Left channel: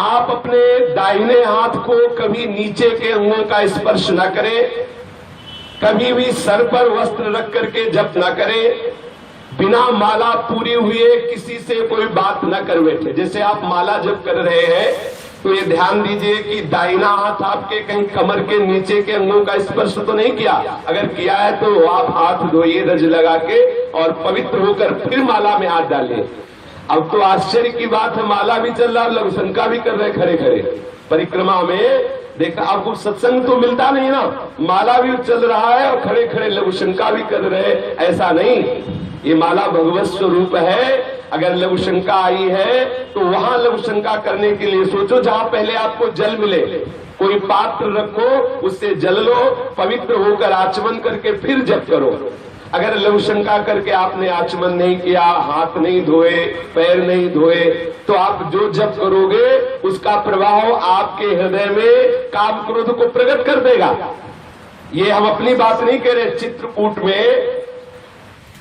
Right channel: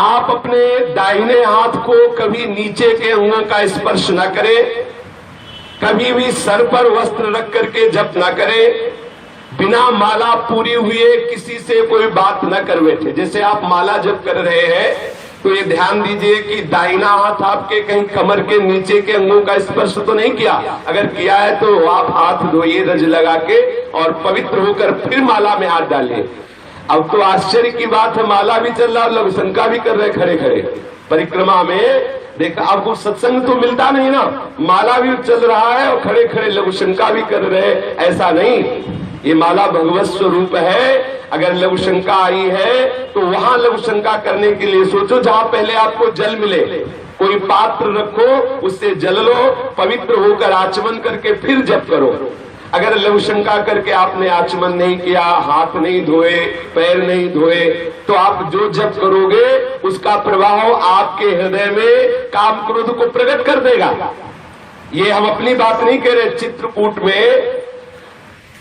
आप अपने दाहिने हाथ को कभी नीचे के अंगों का स्पर्श न करें, कभी भी सर पर वस्त्र रख करके जप न करें, बिना माला पूरी हुए किसी से कोई बात न कर बैठे। जैसे आप माला जप कर रहे हैं तो ये ध्यान दीजिए कि दाहिना हाथ आपके कहीं कमर के नीचे के अंगों का स्पर्श तो नहीं किया। अगर किया है तो आप हाथ धोइए रज लगा के और पवित्र होकर फिर माला में हाथ डालिए। अब तो आश्चर्य की बात है, माला भी चल रहा, लघु शंका भी कर रहे खड़े खड़े परिक्रमा में। देखा आपको सत्संग तो मिलता नहीं ना, माला भी चल रहा है और खड़े खड़े लघु शंका भी कर रहे। ऐसा नहीं, ये माला भगवत स्वरूप है। अगर लघु शंका आई है तो वहां लघु शंका करने के लिए सोचो जहां पहले आपको जल मिले, कोई पात्र रखो, उससे जल लो, पवित्र होकर आचमन करके फिर जप करो। अगर लघु शंका करके आपने आचमन नहीं किया, हाथ नहीं धोए, पैर नहीं धोए, तो आप जो जप करोगे उसका प्रभाव आपके हृदय में काम क्रोध को प्रकट कर देगा। ये हम अपनी बात नहीं कह रहे। चित्रकूट में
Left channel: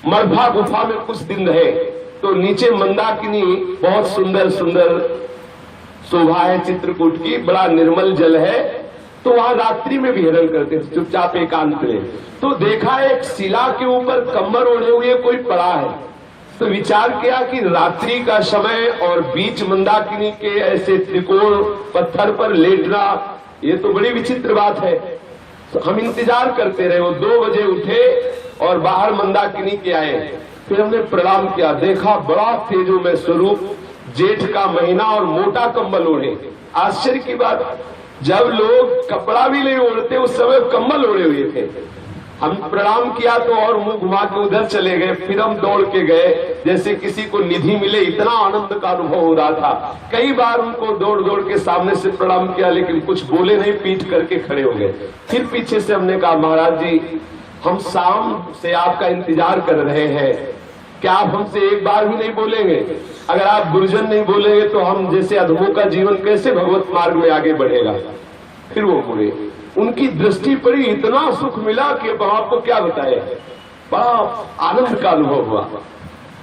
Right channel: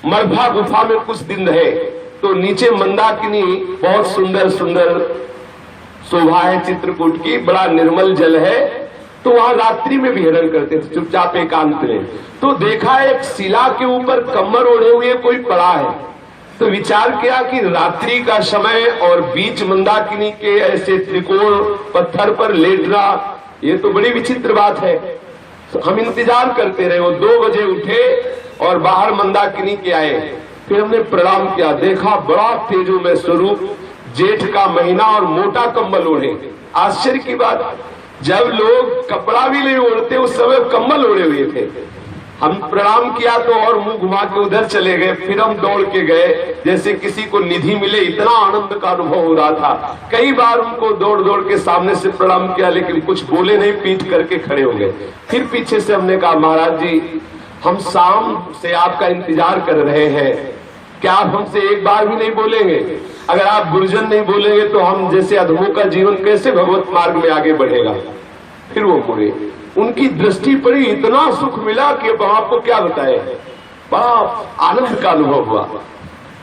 मरभा गुफा में कुछ दिन रहे तो नीचे मंदाकिनी बहुत सुंदर सुंदर शोभा है चित्रकूट की, बड़ा निर्मल जल है। तो वहां रात्रि में विहरण करते थे चुपचाप एकांत में। तो देखा एक शिला के ऊपर कम्बल ओढ़े हुए कोई पड़ा है। तो विचार किया कि रात्रि का समय और बीच मंदाकिनी के ऐसे त्रिकोण पत्थर पर लेटना, ये तो बड़ी विचित्र बात है। तो हम इंतजार करते रहे। वो 2 बजे उठे और बाहर मंदाकिनी के आए। फिर हमने प्रणाम किया, देखा बड़ा तेजोमय स्वरूप, जेठ का महीना और मोटा कंबल ओढ़े। आश्चर्य की बात, जब लोग कपड़ा भी नहीं ओढ़ते उस समय कंबल ओढ़े हुए थे। हम प्रणाम किया तो और मुंह घुमा के उधर चले गए। फिर हम दौड़ के गए जैसे किसी को निधि मिले, इतना आनंद का अनुभव हो रहा था। कई बार उनको दौड़ दौड़ के सामने से प्रणाम किया लेकिन कुछ बोले नहीं, पीठ करके खड़े हो गए। फिर पीछे से हमने कहा, महाराज जी हम शाम से आपका इंतजार कर रहे हैं, क्या आप हमसे एक बार भी नहीं बोलेंगे? अगर आप गुरुजन नहीं बोलेंगे तो हम जैसे अधमों का जीवन कैसे भगवत मार्ग में आगे बढ़ेगा? फिर वो बोले, उनकी दृष्टि पड़ी, इतना सुख मिला कि अब आपको क्या बताए। बड़ा आनंद का अनुभव हुआ,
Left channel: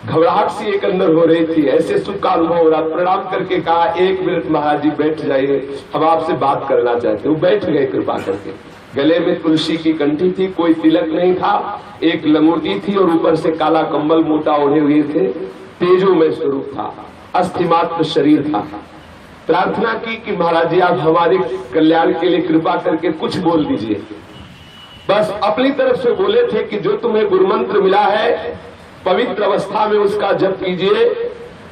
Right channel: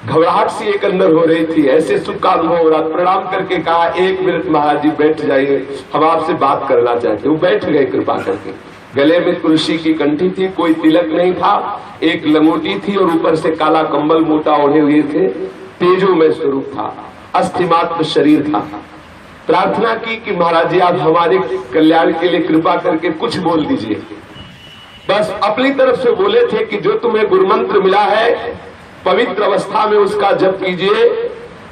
घबराहट सी एक अंदर हो रही थी, ऐसे सुख का अनुभव हो रहा। प्रणाम करके कहा, 1 मिनट महाराज जी बैठ जाइए, हम आपसे बात करना चाहते। वो बैठ गए कृपा करके। गले में तुलसी की कंठी थी, कोई तिलक नहीं था, एक लंगोटी थी और ऊपर से काला कंबल मोटा ओढ़े हुए थे। तेजोमय स्वरूप था, अस्थिमात्र शरीर था। प्रार्थना की कि महाराज जी आप हमारे कल्याण के लिए कृपा करके कुछ बोल दीजिए। बस अपनी तरफ से बोले थे कि जो तुम्हें गुरु मंत्र मिला है पवित्र अवस्था में उसका जप कीजिए।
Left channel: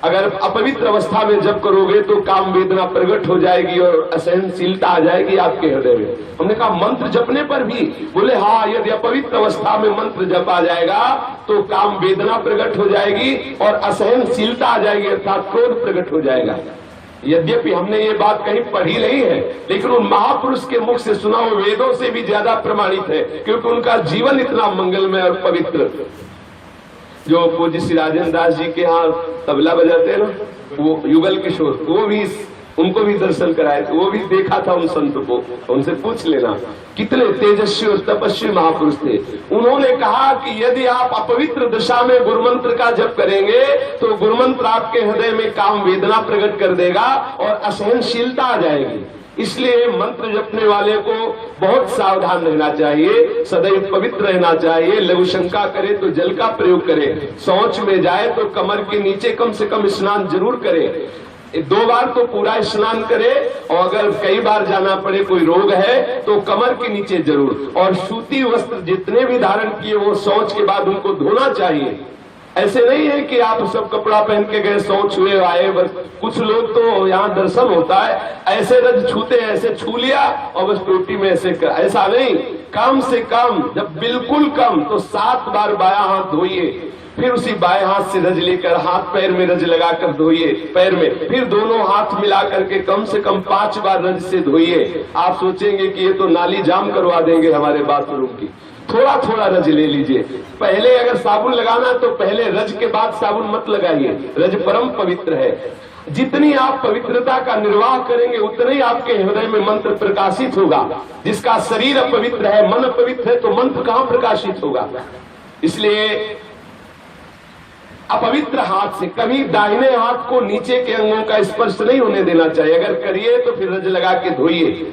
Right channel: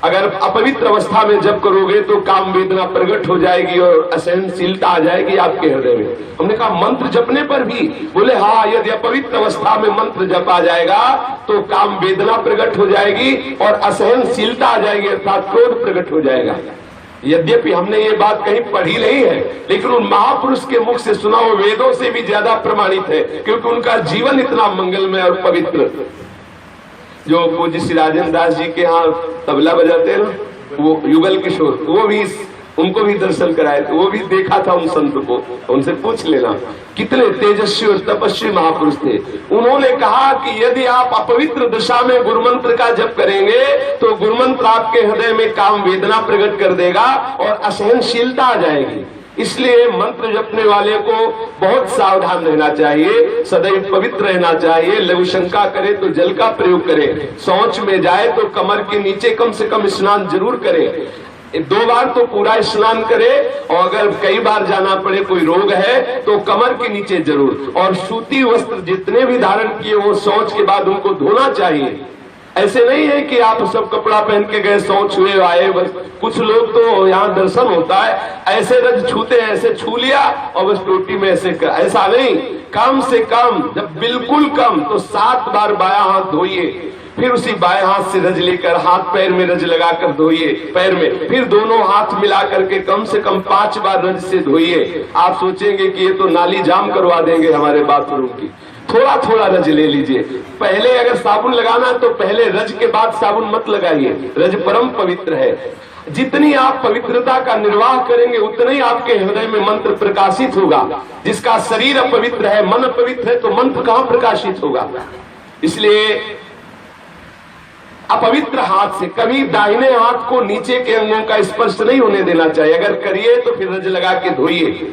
अगर अपवित्र अवस्था में जप करोगे तो काम वेदना प्रकट हो जाएगी और असहनशीलता आ जाएगी आपके हृदय में। हमने कहा मंत्र जपने पर भी? बोले हाँ, यदि अपवित्र अवस्था में मंत्र जपा जाएगा तो काम वेदना प्रकट हो जाएगी और असहनशीलता आ जाएगी, अर्थात क्रोध प्रकट हो जाएगा। यद्यपि हमने ये बात कहीं पढ़ी नहीं है लेकिन उन महापुरुष के मुख से सुना हुआ वेदों से भी ज्यादा प्रमाणित है, क्योंकि उनका जीवन इतना मंगलमय और पवित्र। जो पूज्य श्री राजेंद्र दास जी के यहाँ तबला बजाते हैं ना, वो युगल किशोर, वो भी उनको भी दर्शन कराए थे, वो भी देखा था उन संत को, उनसे पूछ लेना कितने तेजस्वी और तपस्वी महापुरुष थे। उन्होंने कहा कि यदि आप अपवित्र दिशा में गुरुमंत्र का जप करेंगे तो गुरुमंत्र आपके हृदय में काम वेदना प्रकट कर देगा और असहनशीलता आ जाएगी। इसलिए मंत्र जपने वाले को बहुत सावधान रहना चाहिए, सदैव पवित्र रहना चाहिए। लघु शंका करे तो जल का प्रयोग करे, शौच में जाए तो कमर के नीचे कम से कम स्नान जरूर करे, 2 बार तो पूरा स्नान करे, और अगर कई बार जाना पड़े, कोई रोग है तो कमर के नीचे जरूर। और सूती वस्त्र जितने भी धारण किए वो शौच के बाद उनको धोना चाहिए। ऐसे नहीं है कि आप सब कपड़ा पहन के गए, शौच हुए आए। बस कुछ लोग तो यहाँ दर्शन होता है ऐसे रज छूते हैं, ऐसे छू लिया और बस टोटी में ऐसा नहीं। कम से कम, जब बिल्कुल कम तो 7 बार बायां हाथ धोइए, फिर उसी बाएं हाथ से रज लेकर हाथ पैर में रज लगाकर धोइए पैर में, फिर दोनों हाथ मिला करके कम से कम 5 बार रज से धोइए। आप सोचेंगे कि ये तो नाली जाम करवा देंगे हमारे बाथरूम की। थोड़ा थोड़ा रज ले लीजिए। पहले अगर साबुन लगाना तो पहले रज के बाद साबुन मत लगाइए, रज परम पवित्र है। जितनी आप पवित्रता का निर्वाह करेंगे उतना ही आपके हृदय में मंत्र प्रकाशित होगा। जिसका शरीर अपवित्र है, मन पवित्र है, तो मंत्र कहाँ प्रकाशित होगा? इसलिए अपवित्र हाथ से कभी दाहिने हाथ को नीचे के अंगों का स्पर्श नहीं होने देना चाहिए। अगर करिए तो फिर रज लगा के धोइए।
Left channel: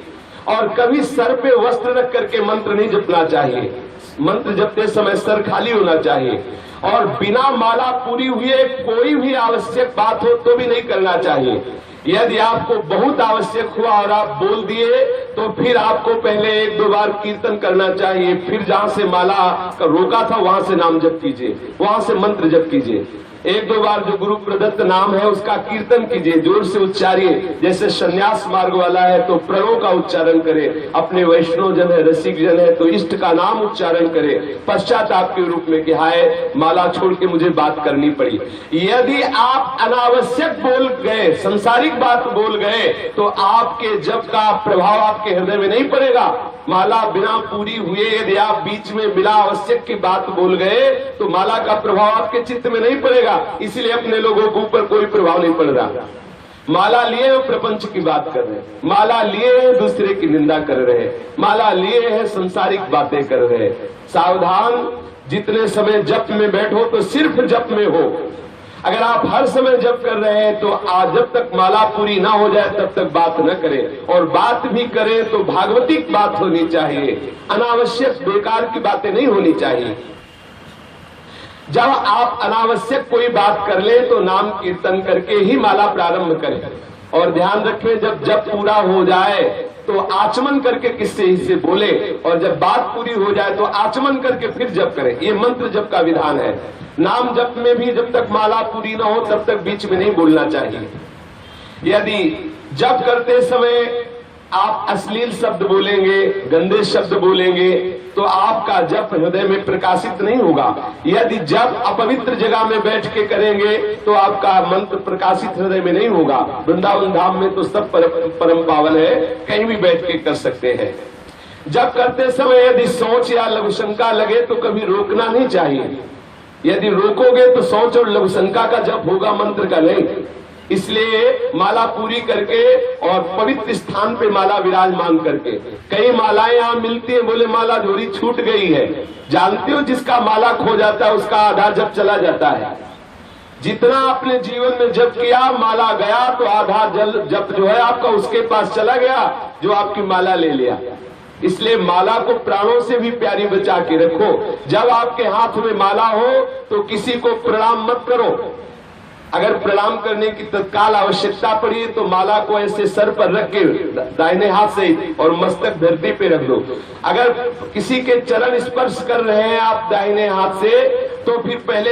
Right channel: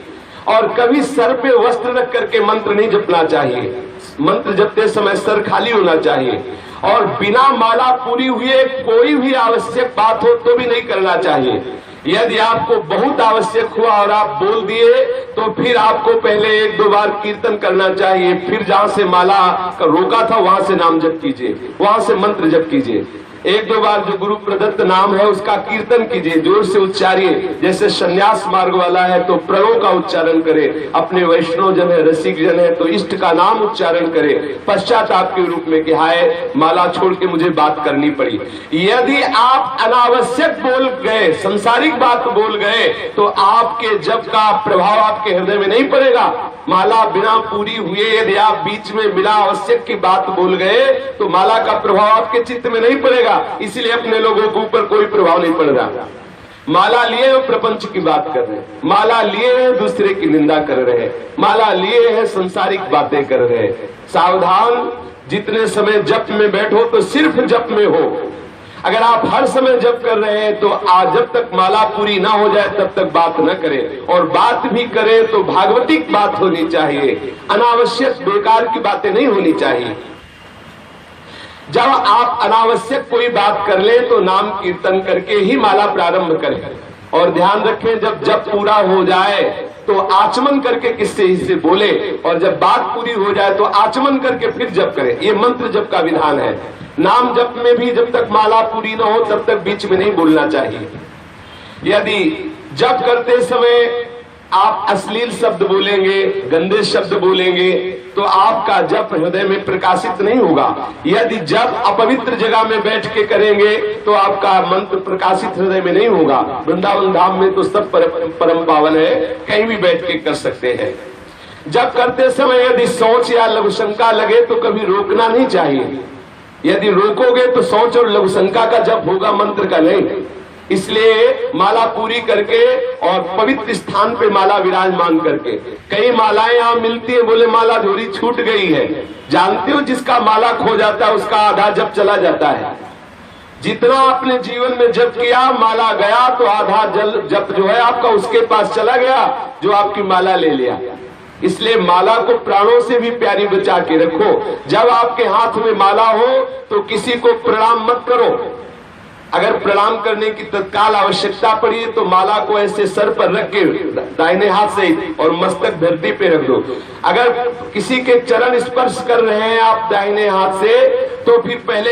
और कभी सर पे वस्त्र रख करके मंत्र नहीं जपना चाहिए। मंत्र जपते समय सर खाली होना चाहिए। और बिना माला पूरी हुए कोई भी आवश्यक बात हो तो भी नहीं करना चाहिए। यदि आपको बहुत आवश्यक हुआ और आप बोल दिए तो फिर आपको पहले 1-2 बार कीर्तन करना चाहिए। फिर जहां से माला का रोका था वहां से नाम जप कीजिए, वहां से मंत्र जप कीजिए। 1-2 बार जो गुरु प्रदत्त नाम है उसका कीर्तन कीजिए, जोर से उच्चारिए। जैसे संन्यास मार्ग वाला है तो प्रणव का उच्चारण करे, अपने वैष्णव जन है, रसिक जन है तो इष्ट का नाम उच्चारण करे पश्चाताप के रूप में कि हाय माला छोड़ के मुझे बात करनी पड़ी। यदि आप अनावश्यक बोल गए, संसारिक बात बोल गए तो आपके जप का प्रभाव आपके हृदय में नहीं पड़ेगा। माला बिना पूरी हुए यदि आप बीच में बिना आवश्यक की बात बोल गए तो माला का प्रभाव आपके चित्त में नहीं पड़ेगा। इसलिए अपने लोगों के ऊपर कोई प्रभाव नहीं पड़ रहा। माला लिए हो प्रपंच की बात कर रहे हैं, माला लिए हैं दूसरे की निंदा कर रहे हैं, माला लिए हैं संसारिक बातें कर रहे हैं। सावधान, जितने समय जप में बैठो तो सिर्फ जप में हो। अगर आप हर समय जप कर रहे हैं तो आज जब तक माला पूरी ना हो जाए तब तक बात न करें। और बात भी करें तो भागवतिक बात होनी चाहिए, अनावश्यक बेकार की बातें नहीं होनी चाहिए। जब आप अनावश्यक कोई बात कर ले तो नाम कीर्तन करके ही माला प्रारंभ करें। और ध्यान रखें, जब जप पूरा हो जाए तो आचमन करके किससे इससे बोले, और जब बात पूरी हो जाए तो आचमन करके फिर जप करें। ये मंत्र जप का विधान है। नाम जप में भी जब तक माला पूरी ना हो तब तक बीच में नहीं बोलना चाहिए। यदि जप करते समय आप अश्लील शब्द बोलेंगे, गंदे शब्द बोलेंगे तो आपका जप हृदय में प्रकाशित नहीं होगा। यदि जप अपवित्र जगह में बैठ के करेंगे तो आपका मंत्र प्रकाशित हृदय में नहीं होगा। वृंदावन धाम में तो सब परम पावन है, कहीं भी बैठ के कर सकते हैं। जप करते समय यदि सोच या लघुशंका लगे तो कभी रोकना नहीं चाहिए। यदि रोकोगे तो सोच और लघुशंका का जप होगा, मंत्र का नहीं। इसलिए माला पूरी करके और पवित्र स्थान पे माला विराजमान करके। कई मालाएं यहाँ मिलती है, बोले माला झोरी छूट गई है। जानते हो जिसका माला खो जाता है उसका आधा जप चला जाता है। जितना आपने जीवन में जप किया, माला गया तो आधा जप जो है आपका उसके पास चला गया जो आपकी माला ले लिया। इसलिए माला को प्राणों से भी प्यारी बचा के रखो। जब आपके हाथ में माला हो तो किसी को प्रणाम मत करो। अगर प्रणाम करने की तत्काल आवश्यकता पड़ी तो माला को ऐसे सर पर रख के दाहिने हाथ से और मस्तक धरती पे रख दो। अगर किसी के चरण स्पर्श कर रहे हैं आप दाहिने हाथ से तो फिर पहले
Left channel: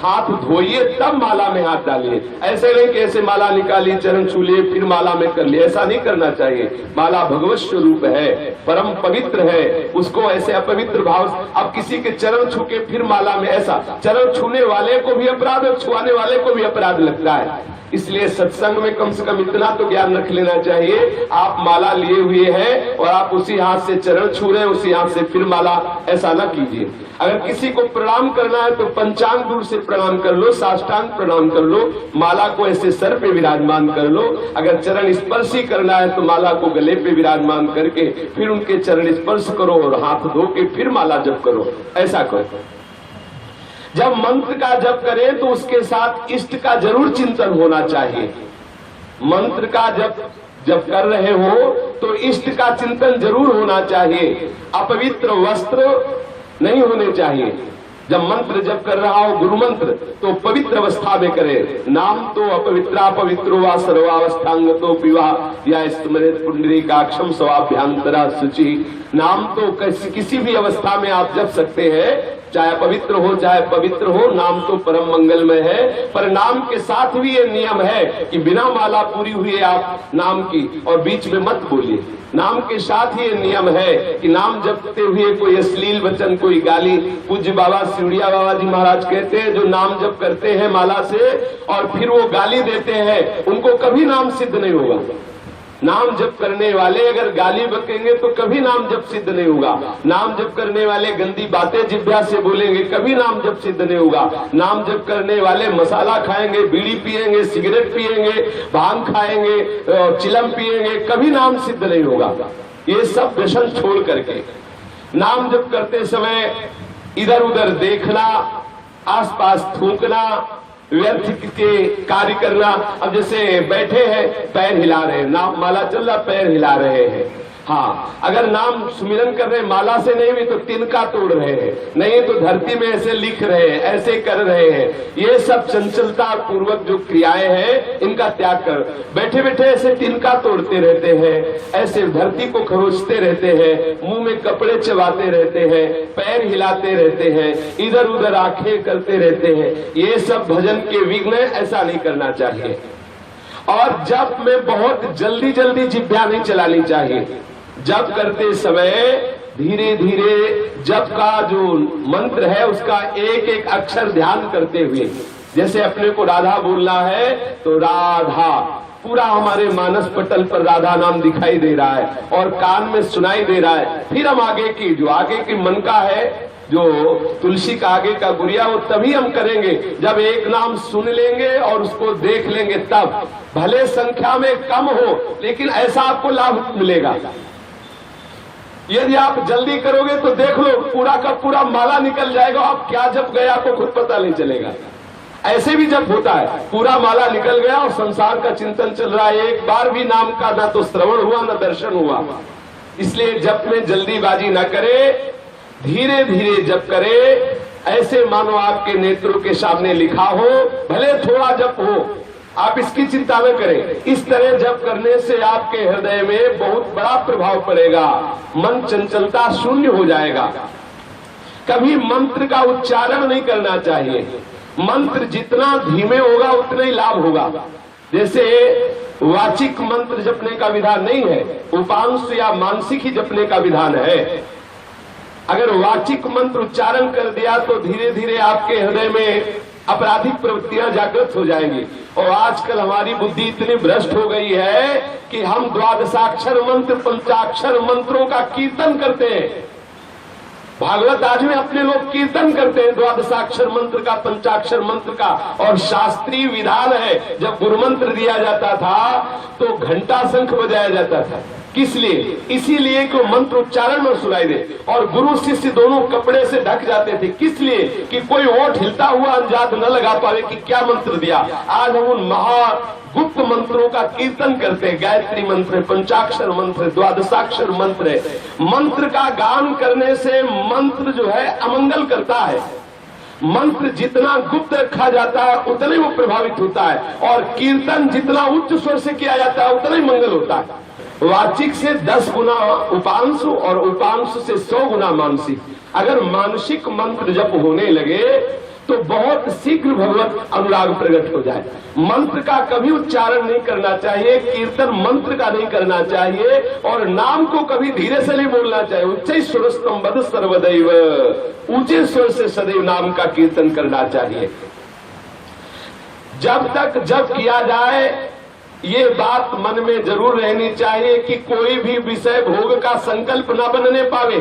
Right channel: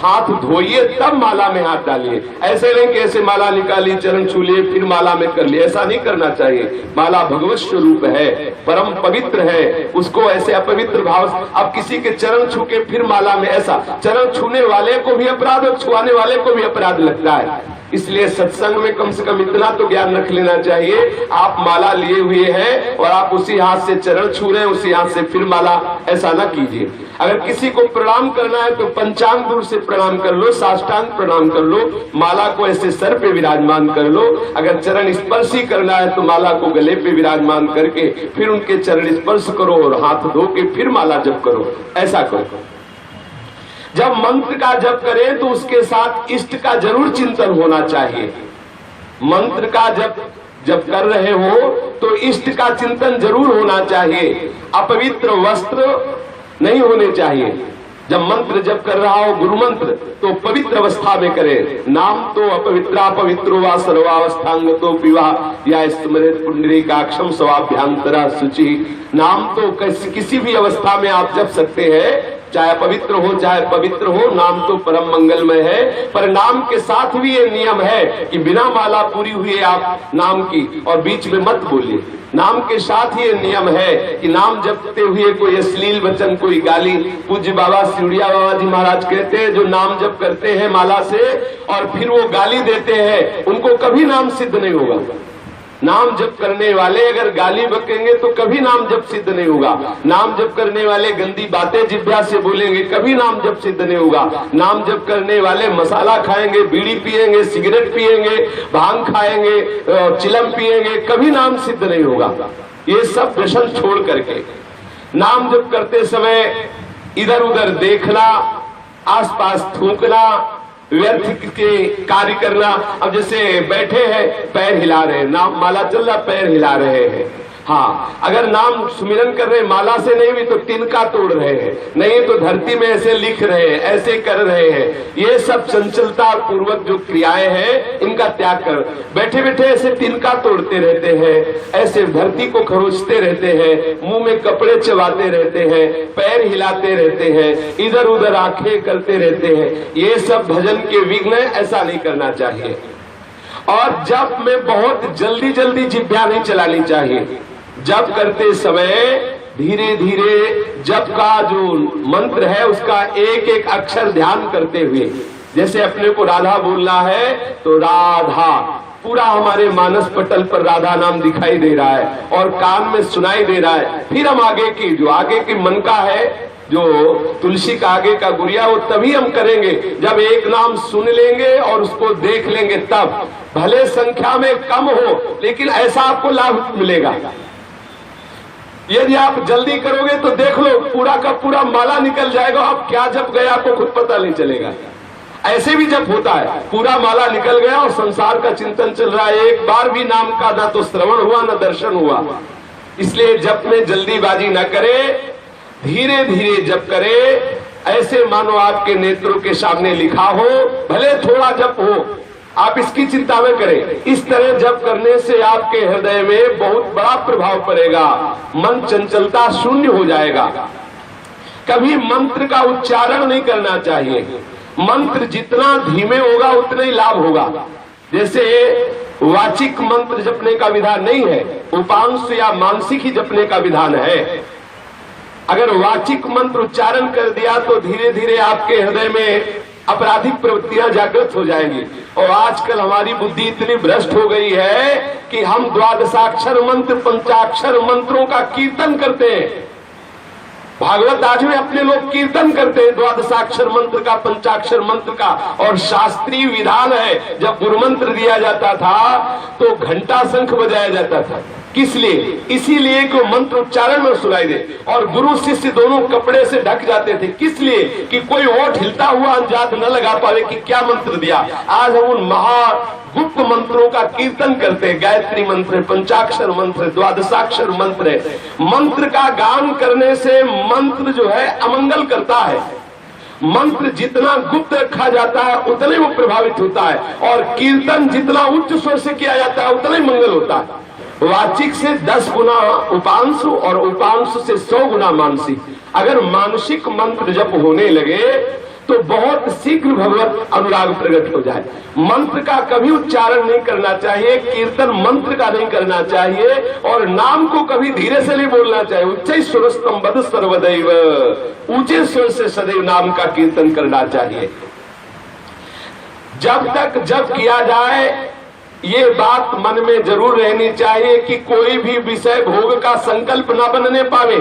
हाथ धोइए तब माला में हाथ डालिए। ऐसे नहीं कि ऐसे माला निकाली, चरण छू लिए, फिर माला में कर लिए, ऐसा नहीं करना चाहिए। माला भगवत स्वरूप है, परम पवित्र है, उसको ऐसे अपवित्र भाव। अब किसी के चरण छू के फिर माला में, ऐसा चरण छूने वाले को भी अपराध और छुआने वाले को भी अपराध लगता है। इसलिए सत्संग में कम से कम इतना तो ज्ञान रख लेना चाहिए, आप माला लिए हुए हैं और आप उसी हाथ से चरण छू रहे हैं, उसी हाथ से फिर माला, ऐसा ना कीजिए। अगर किसी को प्रणाम करना है तो पंचांग दूर से प्रणाम कर लो, साष्टांग प्रणाम कर लो, माला को ऐसे सर पे विराजमान कर लो। अगर चरण स्पर्श ही करना है तो माला को गले पे विराजमान करके फिर उनके चरण स्पर्श करो और हाथ धो के फिर माला जप करो, ऐसा करो। जब मंत्र का जप करें तो उसके साथ इष्ट का जरूर चिंतन होना चाहिए। मंत्र का जब कर रहे हो तो इष्ट का चिंतन जरूर होना चाहिए। अपवित्र वस्त्र नहीं होने चाहिए। जब मंत्र जप कर रहा हो गुरु मंत्र तो पवित्र अवस्था में करे। नाम तो अपवित्रा पवित्रो वा सर्वावस्थांगतो पिवा या स्मृत पुंडरीकाक्षम स्वाभ्यांतरा शुचि। नाम तो किसी भी अवस्था में आप जप सकते हैं, चाहे पवित्र हो चाहे पवित्र हो, नाम तो परम मंगलमय है। पर नाम के साथ भी ये नियम है कि बिना माला पूरी हुई आप नाम की और बीच में मत बोलिए। नाम के साथ ही ये नियम है कि नाम जपते हुए कोई अश्लील वचन, कोई गाली। पूज्य बाबा सिउड़िया बाबा जी महाराज कहते हैं जो नाम जप करते हैं माला से और फिर वो गाली देते हैं उनको कभी नाम सिद्ध नहीं होगा। नाम जप करने वाले अगर गाली बकेंगे तो कभी नाम जप सिद्ध नहीं होगा। नाम जप करने वाले गंदी बातें जिह्वा से बोलेंगे, कभी नाम जप सिद्ध नहीं होगा। नाम जप करने वाले मसाला खाएंगे, बीड़ी पिएंगे, सिगरेट पिएंगे, भांग खाएंगे, चिलम पिएंगे, कभी नाम सिद्ध नहीं होगा। ये सब व्यसन छोड़ करके नाम जप करते समय इधर उधर देखना, आसपास थूकना, व्यर्थ के कार्य करना। अब जैसे बैठे हैं, पैर हिला रहे हैं, नाम माला चल रहा, पैर हिला रहे हैं। हाँ, अगर नाम सुमिरन कर रहे माला से नहीं भी तो तिनका तोड़ रहे हैं, नहीं तो धरती में ऐसे लिख रहे हैं, ऐसे कर रहे हैं। ये सब चंचलता पूर्वक जो क्रियाएं हैं इनका त्याग कर, बैठे बैठे ऐसे तिनका तोड़ते रहते हैं, ऐसे धरती को खरोचते रहते हैं, मुंह में कपड़े चबाते रहते हैं, पैर हिलाते रहते हैं, इधर उधर आंखें करते रहते हैं। ये सब भजन के विघ्न, ऐसा नहीं करना चाहिए। और जप में बहुत जल्दी जल्दी जिह्वा नहीं चलानी चाहिए। जप करते समय धीरे धीरे जप का जो मंत्र है उसका एक एक अक्षर ध्यान करते हुए, जैसे अपने को राधा बोलना है तो राधा पूरा हमारे मानस पटल पर राधा नाम दिखाई दे रहा है और कान में सुनाई दे रहा है। फिर हम आगे की मन का है, जो तुलसी का आगे का गुड़िया, वो तभी हम करेंगे जब एक नाम सुन लेंगे और उसको देख लेंगे। तब भले संख्या में कम हो लेकिन ऐसा आपको लाभ मिलेगा। यदि आप जल्दी करोगे तो देख लो पूरा का पूरा माला निकल जाएगा, आप क्या जप गए आपको खुद पता नहीं चलेगा। ऐसे भी जब होता है, पूरा माला निकल गया और संसार का चिंतन चल रहा है, एक बार भी नाम का ना तो श्रवण हुआ ना दर्शन हुआ। इसलिए जप में जल्दीबाजी ना करे, धीरे धीरे जप करे, ऐसे मानो आपके नेत्रों के सामने लिखा हो, भले थोड़ा जप हो, आप इसकी चिंता न करें। इस तरह जप करने से आपके हृदय में बहुत बड़ा प्रभाव पड़ेगा, मन चंचलता शून्य हो जाएगा। कभी मंत्र का उच्चारण नहीं करना चाहिए, मंत्र जितना धीमे होगा उतना ही लाभ होगा। जैसे वाचिक मंत्र जपने का विधान नहीं है, उपांश या मानसिक ही जपने का विधान है। अगर वाचिक मंत्र उच्चारण कर दिया तो धीरे धीरे आपके हृदय में आपराधिक प्रवृत्तियां जागृत हो जाएंगी। और आजकल हमारी बुद्धि इतनी भ्रष्ट हो गई है कि हम द्वादशाक्षर मंत्र, पंचाक्षर मंत्रों का कीर्तन करते हैं। भागवत आज में अपने लोग कीर्तन करते हैं द्वादशाक्षर मंत्र का, पंचाक्षर मंत्र का। और शास्त्रीय विधान है, जब गुरु मंत्र दिया जाता था तो घंटा शंख बजाया जाता था। किस लिए? इसीलिए कि मंत्र उच्चारण में सुनाई दे। और गुरु शिष्य दोनों कपड़े से ढक जाते थे, किस लिए? कि कोई ओठ हिलता हुआ अंदाज न लगा पावे कि क्या मंत्र दिया। आज हम उन महागुप्त मंत्रों का कीर्तन करते हैं, गायत्री मंत्र, पंचाक्षर मंत्र, द्वादशाक्षर मंत्र। मंत्र का गान करने से मंत्र जो है अमंगल करता है। मंत्र जितना गुप्त रखा जाता है उतना ही वो प्रभावित होता है, और कीर्तन जितना उच्च स्वर से किया जाता है उतना ही मंगल होता है। वाचिक से 10 गुना उपांशु और उपांशु से 100 गुना मानसिक। अगर मानसिक मंत्र जप होने लगे तो बहुत शीघ्र भगवत अनुराग प्रकट हो जाए। मंत्र का कभी उच्चारण नहीं करना चाहिए, कीर्तन मंत्र का नहीं करना चाहिए, और नाम को कभी धीरे से नहीं बोलना चाहिए। उच्च सुरस्तम बद सर्वदैव, ऊंचे स्वर से सदैव नाम का कीर्तन करना चाहिए। जब तक जप किया जाए ये बात मन में जरूर रहनी चाहिए कि कोई भी विषय भोग का संकल्प न बनने पावे।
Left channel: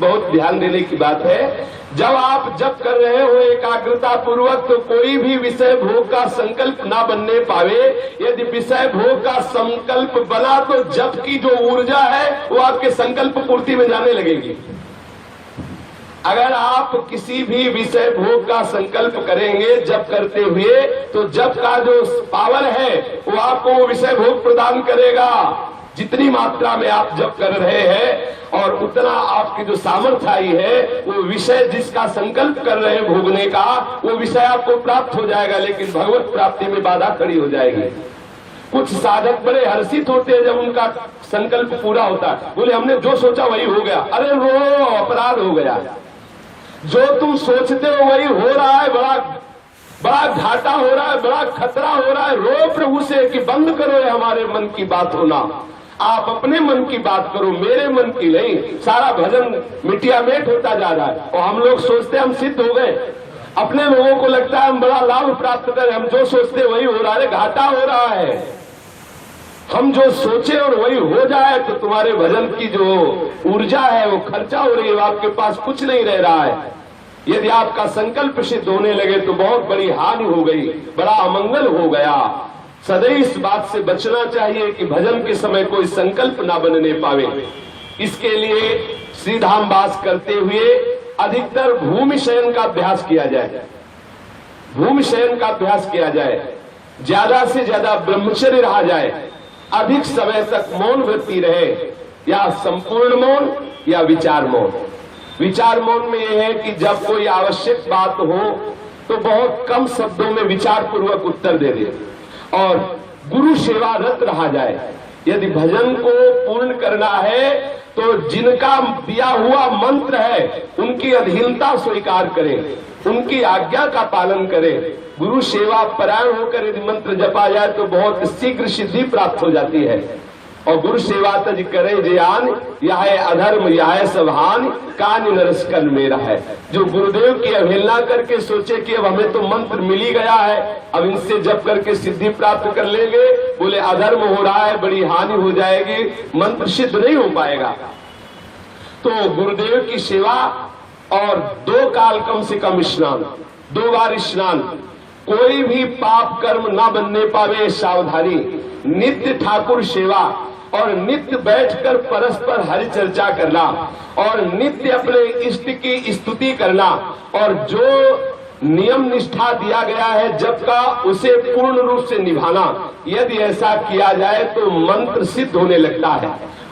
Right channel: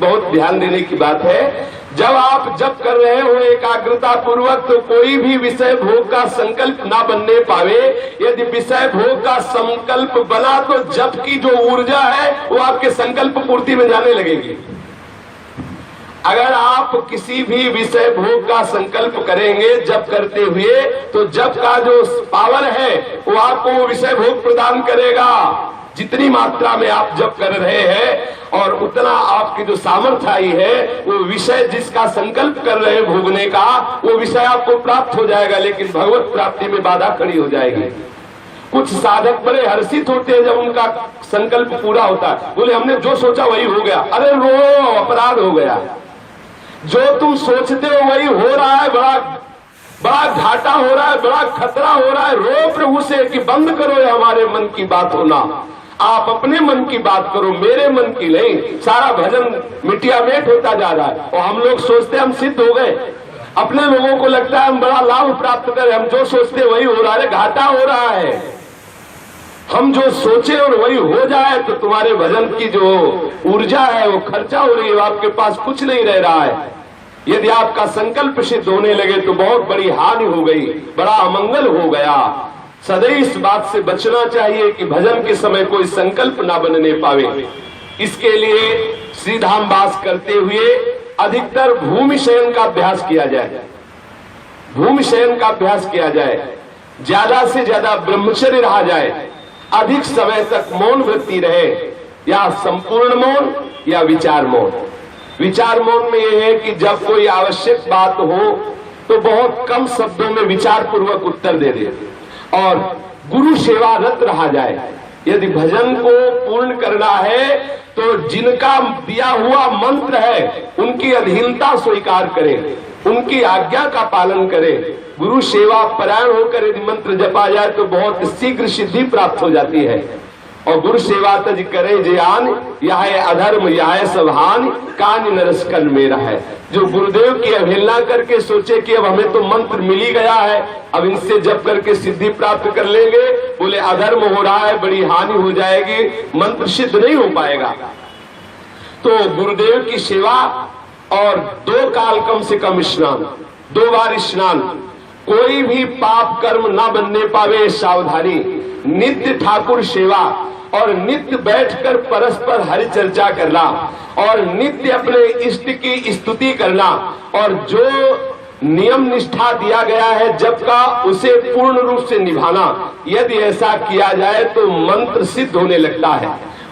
बहुत ध्यान देने की बात है। जब आप जप कर रहे हो एकाग्रता पूर्वक तो कोई भी विषय भोग का संकल्प न बनने पावे। यदि विषय भोग का संकल्प बना तो जप की जो ऊर्जा है वो आपके संकल्प पूर्ति में जाने लगेगी। अगर आप किसी भी विषय भोग का संकल्प करेंगे जप करते हुए तो जप का जो पावर है वो आपको वो विषय भोग प्रदान करेगा। जितनी मात्रा में आप जप कर रहे हैं और उतना आपकी जो सामर्थ्य आई है, वो विषय जिसका संकल्प कर रहे हैं भोगने का, वो विषय आपको प्राप्त हो जाएगा, लेकिन भगवत प्राप्ति में बाधा खड़ी हो जाएगी। कुछ साधक बड़े हर्षित होते हैं जब उनका संकल्प पूरा होता है, बोले हमने जो सोचा वही हो गया। अरे रो, अपराध हो गया। जो तुम सोचते हो वही हो रहा है, बड़ा घाटा हो रहा है, बड़ा खतरा हो रहा है। रो प्रभु से कि बंद करो हमारे मन की बात होना, आप अपने मन की बात करो, मेरे मन की नहीं। सारा भजन मिटिया मेट होता जा रहा है और हम लोग सोचते हम सिद्ध हो गए। अपने लोगों को लगता है हम बड़ा लाभ प्राप्त करें, हम जो सोचते वही हो रहा है। घाटा हो रहा है। हम जो सोचे और वही हो जाए तो तुम्हारे भजन की जो ऊर्जा है वो खर्चा हो रही है, आपके पास कुछ नहीं रह रहा है। यदि आपका संकल्प सिद्ध होने लगे तो बहुत बड़ी हानि हो गई, बड़ा अमंगल हो गया। सदैव इस बात से बचना चाहिए कि भजन के समय कोई संकल्प ना बनने पावे। इसके लिए श्रीधाम वास करते हुए अधिकतर भूमि शयन का अभ्यास किया जाए। भूमि शयन का अभ्यास किया जाए, ज्यादा से ज्यादा ब्रह्मचर्य रहा जाए, अधिक समय तक मौन वृत्ति रहे, या संपूर्ण मौन या विचार मौन। विचार मौन में यह है कि जब कोई आवश्यक बात हो तो बहुत कम शब्दों में विचार पूर्वक उत्तर दे दे और गुरु सेवारत रहा जाए। यदि भजन को पूर्ण करना है तो जिनका दिया हुआ मंत्र है उनकी अधीनता स्वीकार करें, उनकी आज्ञा का पालन करें। गुरु सेवा परायण होकर यदि मंत्र जपा जाए तो बहुत शीघ्र सिद्धि प्राप्त हो जाती है। और गुरु सेवा तज करे जयान, यह अधर्म यह सबहान, कान नरस कन मेरा है। जो गुरुदेव की अवहेलना करके सोचे कि अब हमें तो मंत्र मिल ही गया है, अब इनसे जप करके सिद्धि प्राप्त कर लेंगे, बोले अधर्म हो रहा है, बड़ी हानि हो जाएगी, मंत्र सिद्ध नहीं हो पाएगा। तो गुरुदेव की सेवा और 2 काल कम से कम स्नान, 2 बार स्नान, कोई भी पाप कर्म ना बनने पावे सावधानी, नित्य ठाकुर सेवा और नित्य बैठकर परस्पर हरि चर्चा करना और नित्य अपने इष्ट की स्तुति करना और जो नियम निष्ठा दिया गया है जप का उसे पूर्ण रूप से निभाना। यदि ऐसा किया जाए तो मंत्र सिद्ध होने लगता है।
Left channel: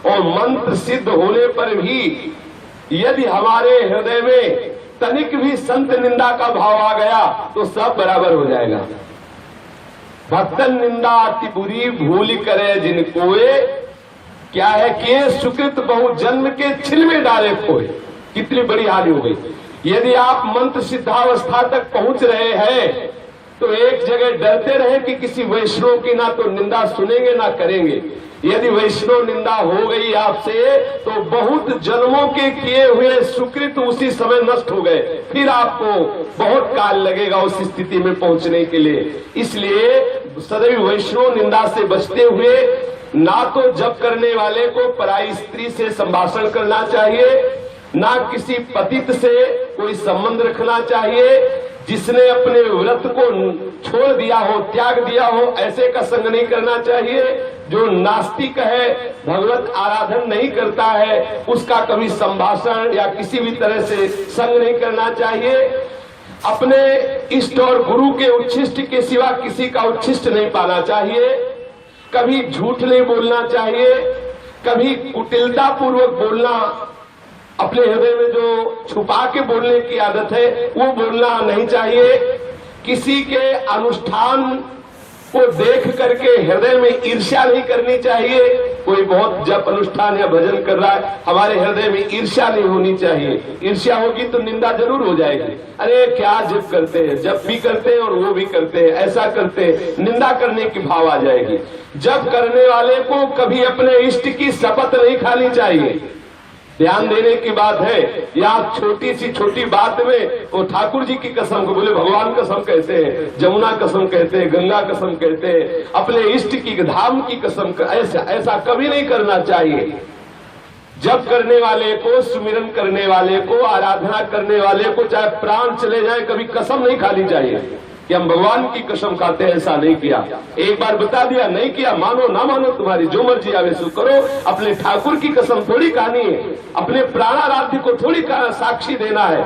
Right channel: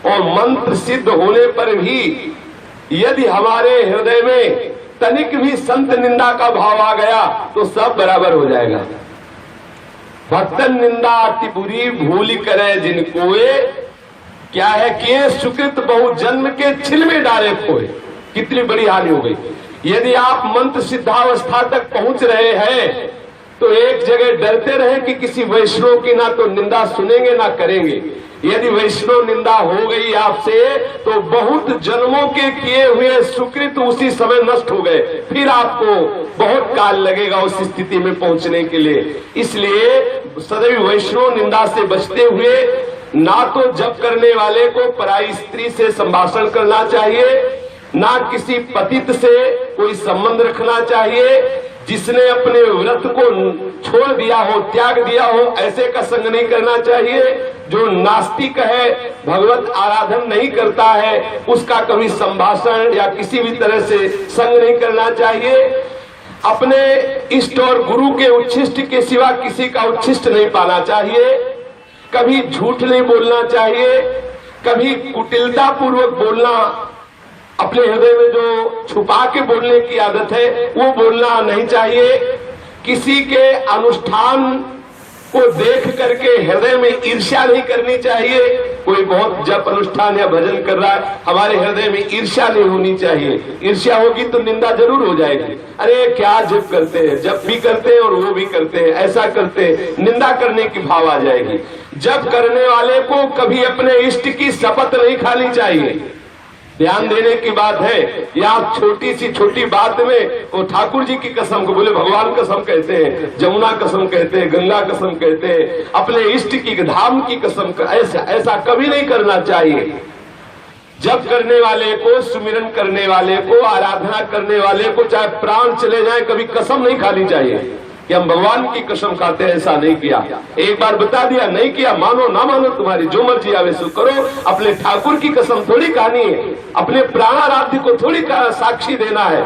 और मंत्र सिद्ध होने पर भी यदि हमारे हृदय में तनिक भी संत निंदा का भाव आ गया तो सब बराबर हो जाएगा। भक्तन निंदा अति बुरी भूल करे जिन कोए, क्या है कि सुकृत बहु जन्म के छिल में डाले खोए। कितनी बड़ी हानि हो गई। यदि आप मंत्र सिद्धावस्था तक पहुंच रहे हैं तो एक जगह डरते रहे कि किसी वैष्णव की ना तो निंदा सुनेंगे ना करेंगे। यदि वैष्णव निंदा हो गई आपसे तो बहुत जन्मों के किए हुए सुकृत उसी समय नष्ट हो गए, फिर आपको बहुत काल लगेगा उस स्थिति में पहुंचने के लिए। इसलिए सदैव वैष्णव निंदा से बचते हुए ना तो जप करने वाले को पराई स्त्री से संभाषण करना चाहिए, ना किसी पतित से कोई संबंध रखना चाहिए। जिसने अपने व्रत को छोड़ दिया हो, त्याग दिया हो, ऐसे का संग नहीं करना चाहिए। जो नास्तिक है, भगवत आराधन नहीं करता है, उसका कभी संभाषण या किसी भी तरह से संग नहीं करना चाहिए। अपने इष्ट और गुरु के उच्छिष्ट के सिवा किसी का उच्छिष्ट नहीं पाना चाहिए। कभी झूठ नहीं बोलना चाहिए, कभी कुटिलता पूर्वक बोलना, अपने हृदय में जो छुपा के बोलने की आदत है वो बोलना नहीं चाहिए। किसी के अनुष्ठान को देख करके हृदय में ईर्ष्या नहीं करनी चाहिए। कोई बहुत जप अनुष्ठान या भजन कर रहा है, हमारे हृदय में ईर्ष्या नहीं होनी चाहिए। ईर्ष्या होगी तो निंदा जरूर हो जाएगी। अरे क्या जप करते हैं, जप भी करते हैं और वो भी करते हैं, ऐसा करते हैं, निंदा करने की भाव आ जाएगी। जप करने वाले को कभी अपने इष्ट की शपथ नहीं खानी चाहिए। ध्यान देने की बात है। या आप छोटी बात में वो ठाकुर जी की कसम को बोले, भगवान कसम कहते हैं, जमुना कसम कहते हैं, गंगा कसम कहते हैं, अपने इष्ट की धाम की कसम, ऐसा कभी नहीं करना चाहिए। जप करने वाले को, सुमिरन करने वाले को, आराधना करने वाले को चाहे प्राण चले जाए कभी कसम नहीं खानी चाहिए कि हम भगवान की कसम खाते हैं। ऐसा नहीं किया, एक बार बता दिया, नहीं किया, मानो ना मानो तुम्हारी जो मर्जी आवे सो करो। अपने ठाकुर की कसम थोड़ी खानी है, अपने प्राणाराध्य को थोड़ी साक्षी देना है।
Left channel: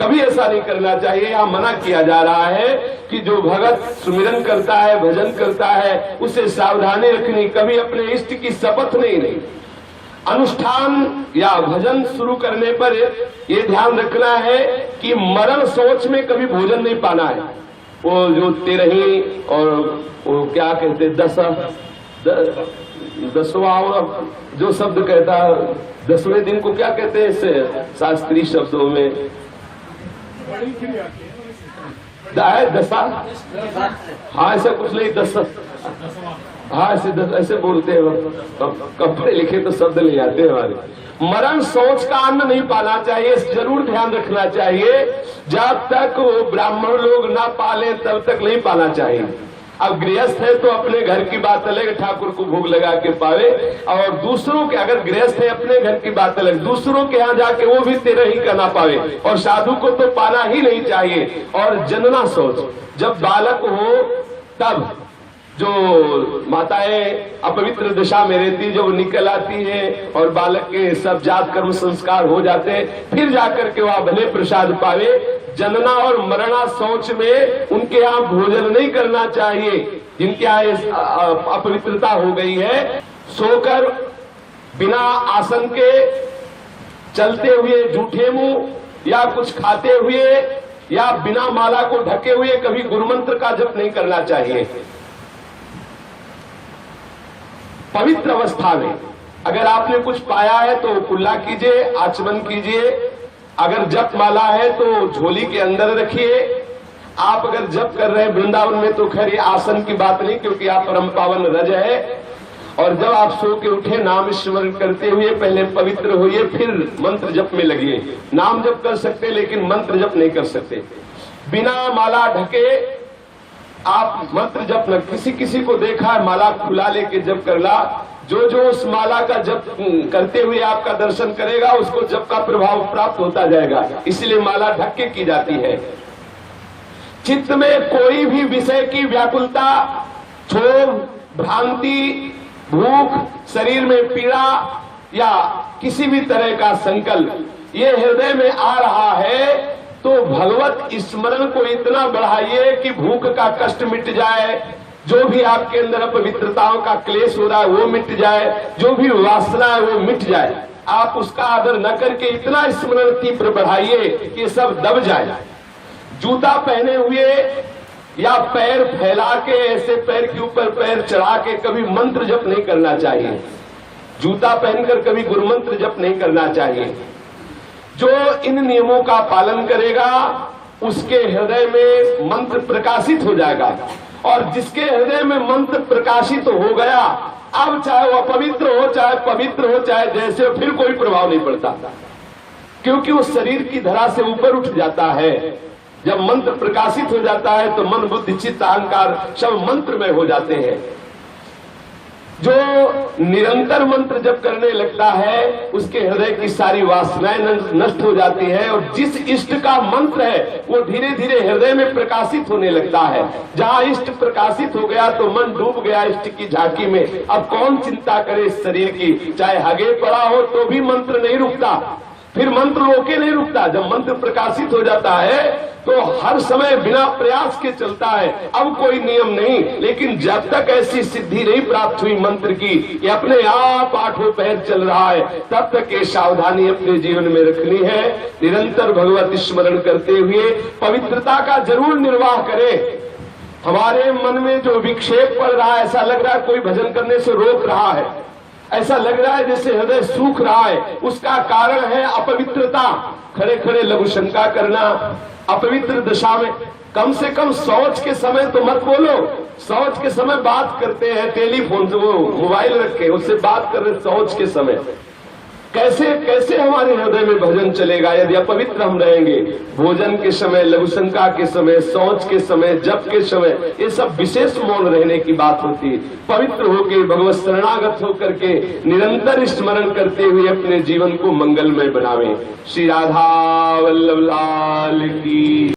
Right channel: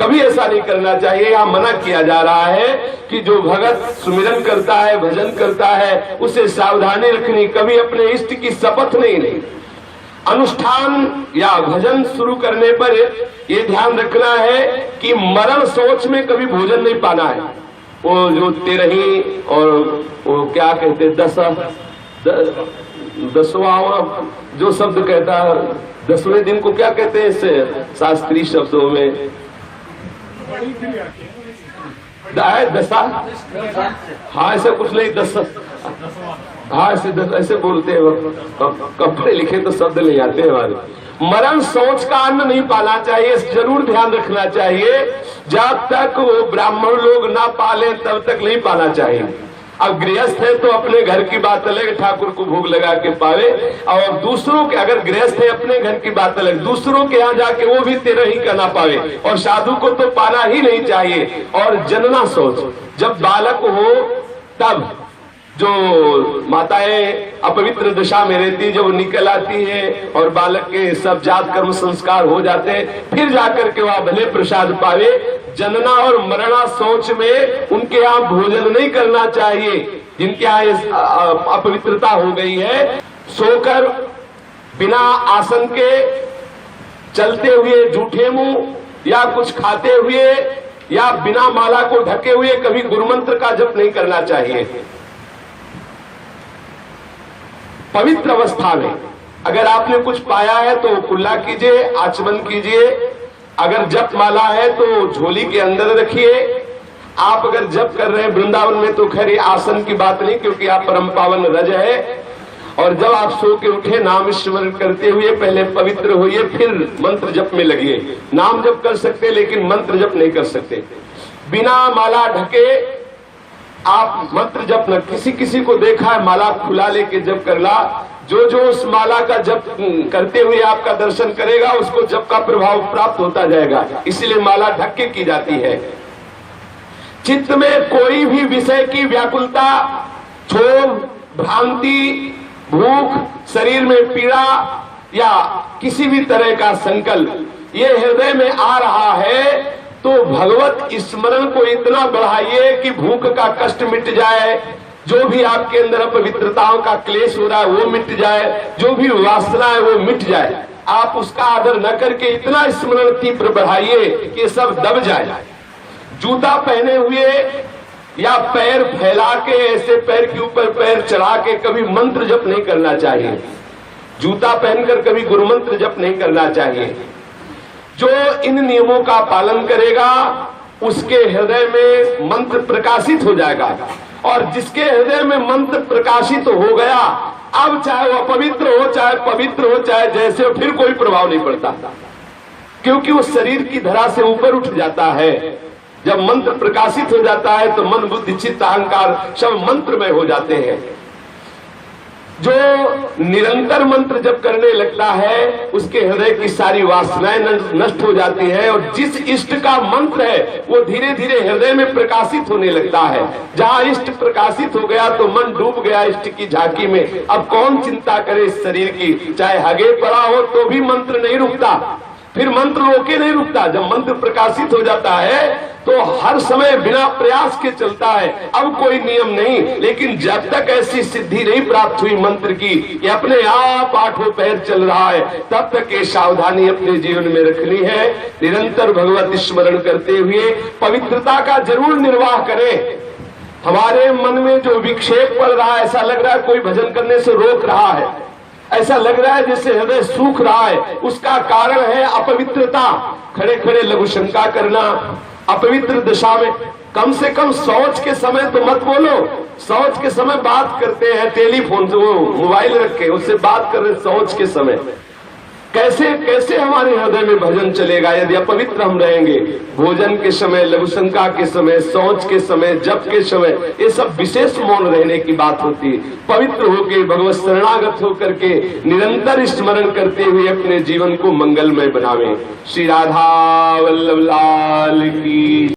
कभी ऐसा नहीं करना चाहिए। यहाँ मना किया जा रहा है कि जो भगत सुमिरन करता है, भजन करता है, उसे सावधानी रखनी, कभी अपने इष्ट की शपथ नहीं। अनुष्ठान या भजन शुरू करने पर ये ध्यान रखना है कि मरण सोच में कभी भोजन नहीं पाना है। वो जो तेरही और वो क्या कहते दसवां जो शब्द कहता है, 10वें दिन को क्या कहते हैं इससे शास्त्रीय शब्दों में, दशा, हाँ ऐसा कुछ नहीं, हाँ ऐसे बोलते हैं। कपड़े लिखे तो शब्द नहीं आते हमारे। मरण सोच का अन्न नहीं पाना चाहिए, जरूर ध्यान रखना चाहिए। जब तक वो ब्राह्मण लोग ना पाले तब तक नहीं पाना चाहिए। अब गृहस्थ है तो अपने घर की बात अलग, ठाकुर को भोग लगा के पावे, और दूसरों के, अगर गृहस्थ है अपने घर की बात अलग, दूसरों के यहाँ जाके वो भी तेरह ही करना पावे। और साधु को तो पाना ही नहीं चाहिए। और जनना सोच, जब बालक हो तब जो माताएं अपवित्र दशा में रहती, जब निकल आती है और बालक के सब जात कर्म संस्कार हो जाते हैं, फिर जाकर के वह भले प्रसाद पावे। जनना और मरना सोच में उनके यहाँ भोजन नहीं करना चाहिए। जिनके यहाँ अपवित्रता हो गई है, सोकर बिना आसन के चलते हुए झूठे मुंह या कुछ खाते हुए या बिना माला को ढके हुए कभी गुरुमंत्र का जप नहीं करना चाहिए। पवित्र अवस्था में अगर आपने कुछ पाया है तो कुल्ला कीजिए, आचमन कीजिए। अगर जप माला है तो झोली के अंदर रखिए। आप अगर जप कर रहे हैं वृंदावन में तो खैर ये आसन की बात नहीं, क्योंकि आप परम पावन रज है। और जब आप सो के उठे नाम स्मरण करते हुए पहले पवित्र होइए, फिर मंत्र जप में लगिए। नाम जप कर सकते लेकिन मंत्र जप नहीं कर सकते। बिना माला ढके आप मंत्र जप न, किसी को देखा है माला खुला लेके जप करला, जो उस माला का जप करते हुए आपका दर्शन करेगा उसको जप का प्रभाव प्राप्त होता जाएगा। इसलिए माला ढक के की जाती है। चित्त में कोई भी विषय की व्याकुलता, क्षोभ, भ्रांति, भूख, शरीर में पीड़ा या किसी भी तरह का संकल्प ये हृदय में आ रहा है तो भगवत स्मरण को इतना बढ़ाइए कि भूख का कष्ट मिट जाए, जो भी आपके अंदर अपवित्रताओं का क्लेश हो रहा है वो मिट जाए, जो भी वासना है वो मिट जाए। आप उसका आदर न करके इतना स्मरण तीव्र बढ़ाइए कि सब दब जाए। जूता पहने हुए या पैर फैला के ऐसे पैर के ऊपर पैर चढ़ा के कभी मंत्र जप नहीं करना चाहिए। जूता पहनकर कभी गुरु मंत्र जप नहीं करना चाहिए। जो इन नियमों का पालन करेगा उसके हृदय में मंत्र प्रकाशित हो जाएगा, और जिसके हृदय में मंत्र प्रकाशित हो गया, अब चाहे वो अपवित्र हो चाहे पवित्र हो चाहे जैसे हो, फिर कोई प्रभाव नहीं पड़ता, क्योंकि वो शरीर की धरा से ऊपर उठ जाता है। जब मंत्र प्रकाशित हो जाता है तो मन बुद्धि चित्त अहंकार सब मंत्र में हो जाते हैं। जो निरंतर मंत्र जप करने लगता है उसके हृदय की सारी वासनाएं नष्ट हो जाती है, और जिस इष्ट का मंत्र है वो धीरे धीरे हृदय में प्रकाशित होने लगता है। जहाँ इष्ट प्रकाशित हो गया तो मन डूब गया इष्ट की झांकी में। अब कौन चिंता करे इस शरीर की, चाहे हगे पड़ा हो तो भी मंत्र नहीं रुकता, फिर मंत्र रोके नहीं रुकता। जब मंत्र प्रकाशित हो जाता है तो हर समय बिना प्रयास के चलता है। अब कोई नियम नहीं, लेकिन जब तक ऐसी सिद्धि नहीं प्राप्त हुई मंत्र की कि अपने आप आठों पैर चल रहा है, तब तक ये सावधानी अपने जीवन में रखनी है। निरंतर भगवत स्मरण करते हुए पवित्रता का जरूर निर्वाह करें। हमारे मन में जो विक्षेप पड़ रहा है, ऐसा लग रहा है कोई भजन करने से रोक रहा है, ऐसा लग रहा है जैसे हृदय सूख रहा है, उसका कारण है अपवित्रता। खड़े खड़े लघु शंका करना, अपवित्र दशा में कम से कम शौच के समय तो मत बोलो। शौच के समय बात करते हैं, टेलीफोन से वो मोबाइल रखे उससे बात कर रहे, शौच के समय कैसे कैसे हमारे हृदय में भजन चलेगा यदि अपवित्र हम रहेंगे। भोजन के समय, लघु शंका के समय, शौच के समय, जप के समय, ये सब विशेष मौन रहने की बात होती है। पवित्र होकर भगवत शरणागत होकर के निरंतर स्मरण करते हुए अपने जीवन को मंगलमय बनावे। श्री राधा वल्लभ लाल की